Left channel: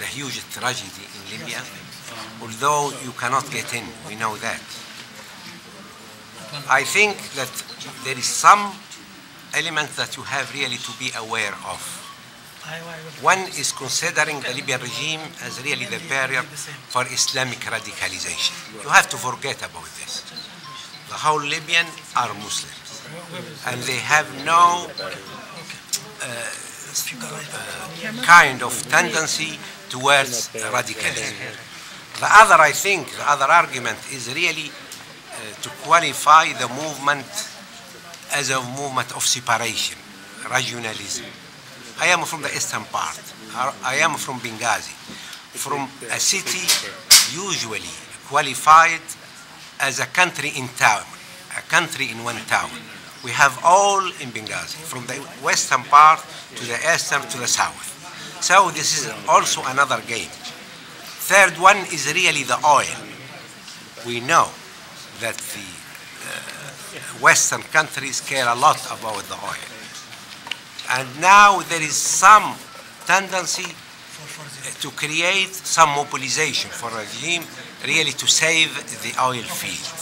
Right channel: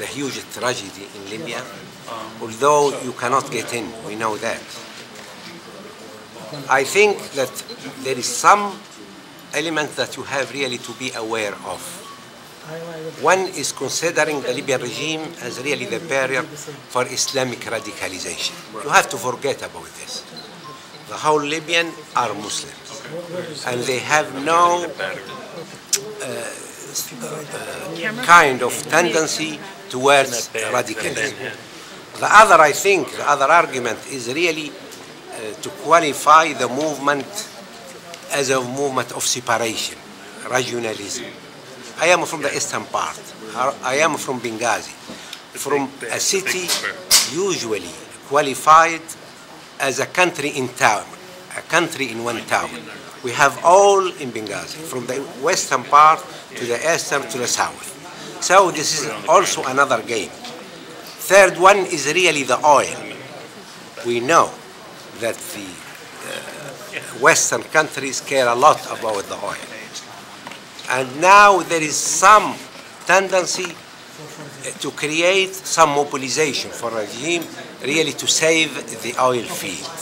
the huge tragedy in Libya, although you cannot get in, we know that. I think that there is some element that you have really to be aware of. One is considering the Libyan regime as really the barrier for Islamic radicalization. You have to forget about this. The whole Libyan are Muslims, and they have no kind of tendency towards radicalism. The other, I think, the other argument is really to qualify the movement as a movement of separation, regionalism. I am from the eastern part. I am from Benghazi, from a city usually qualified as a country in town, a country in one town. We have all in Benghazi, from the western part to the eastern to the south. So this is also another game. Third one is really the oil. We know that the Western countries care a lot about the oil. And now there is some tendency to create some mobilization for a regime really to save the oil field.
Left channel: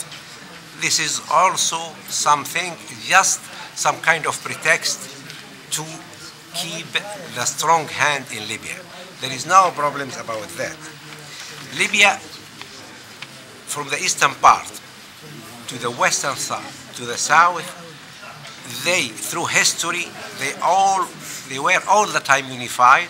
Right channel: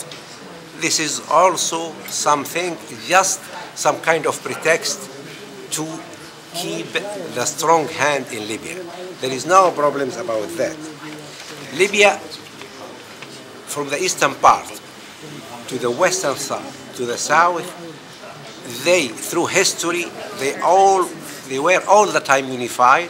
This is also something, just some kind of pretext to keep the strong hand in Libya. There is no problems about that. Libya, from the eastern part to the western side, to the south, they, through history, they were all the time unified.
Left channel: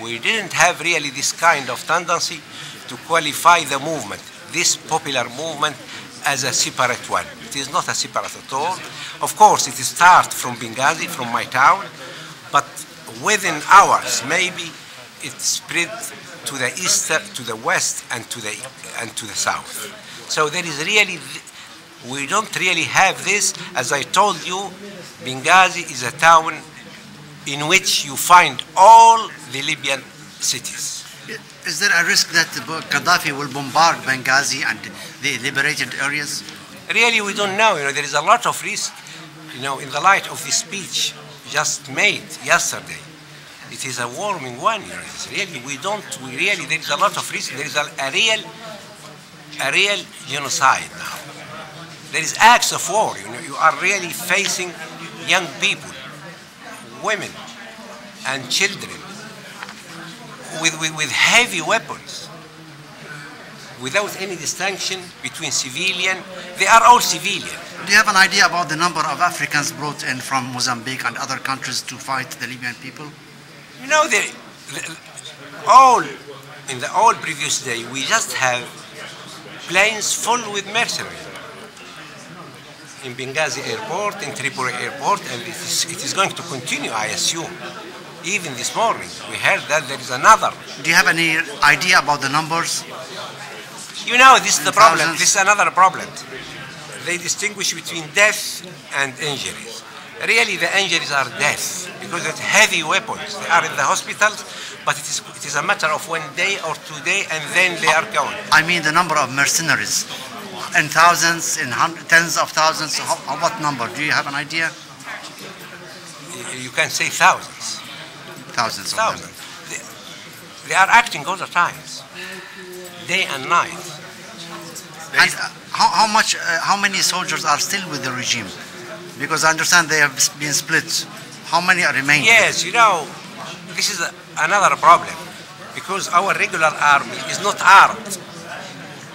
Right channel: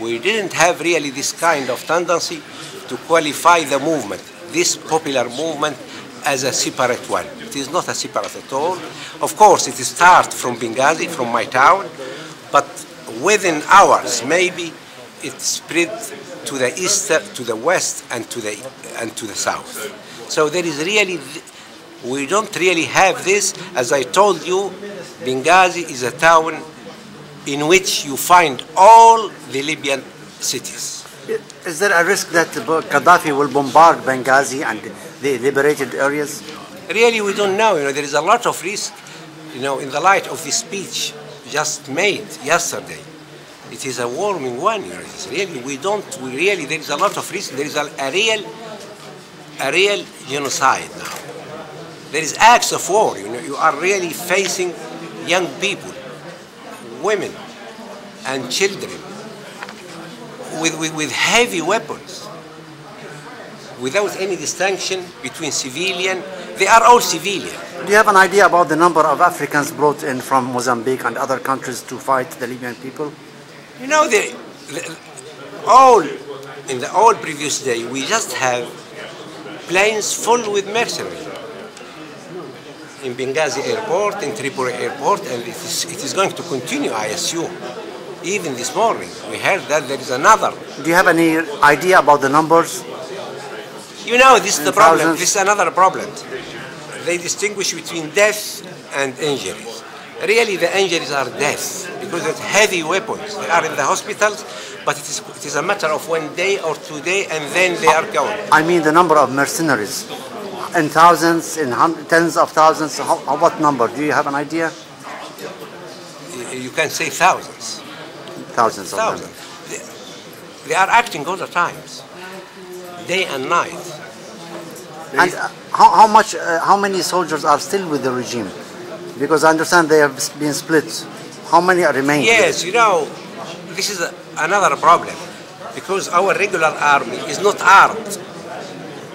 We didn't have really this kind of tendency to qualify the movement, this popular movement, as a separate one. It is not a separate at all. Of course, it starts from Benghazi, from my town, but within hours, maybe it spread to the east, to the west, and to the south. So there is really, we don't really have this. As I told you, Benghazi is a town in which you find all the Libyan cities. Is there a risk that Qaddafi will bombard Benghazi and the liberated areas? Really, we don't know. There is a lot of risk, in the light of the speech just made yesterday. It is a warming one. It's really, there is a lot of risk. There is a real genocide now. There is acts of war. You are really facing young people, women, and children with heavy weapons, without any distinction between civilian. They are all civilian. Do you have an idea about the number of Africans brought in from Mozambique and other countries to fight the Libyan people? In the all previous day, we just have planes full with mercenaries. In Benghazi airport, in Tripoli airport, and it is going to continue, I assume. Even this morning, we heard that there is another. Do you have any idea about the numbers? This is the problem. This is another problem. They distinguish between death and injuries. Really, the injuries are death because it's heavy weapons. They are in the hospitals, but it is a matter of 1 day or 2 days, and then they are gone. I mean the number of mercenaries. In thousands, in tens of thousands, what number? Do you have an idea? You can say thousands. Thousands. Thousands. They are acting all the times, day and night. And how many soldiers are still with the regime? Because I understand they have been split. How many remain? Yes, this is another problem, because our regular army is not armed.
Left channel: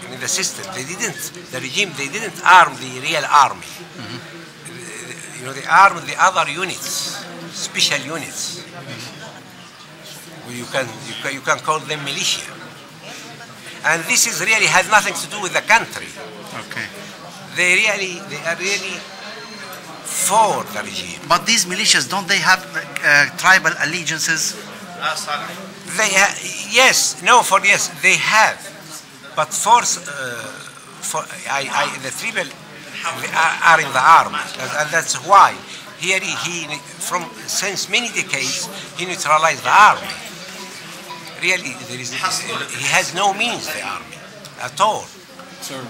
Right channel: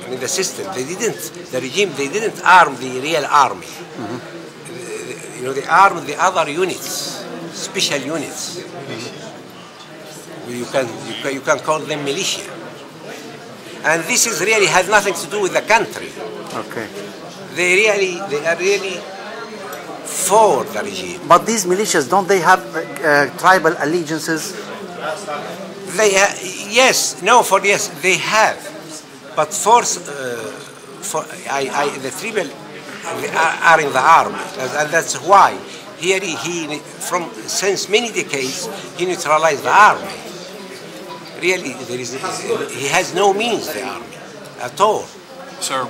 In the system, the regime didn't arm the real army. Mm-hmm. They armed the other units, special units. Mm-hmm. You can call them militia. And this is really has nothing to do with the country. Okay. They are really for the regime. But these militias, don't they have tribal allegiances? Yes, they have. But the tribal are in the army, and that's why here since many decades he neutralized the army. Really, he has no means, the army, at all. Sir.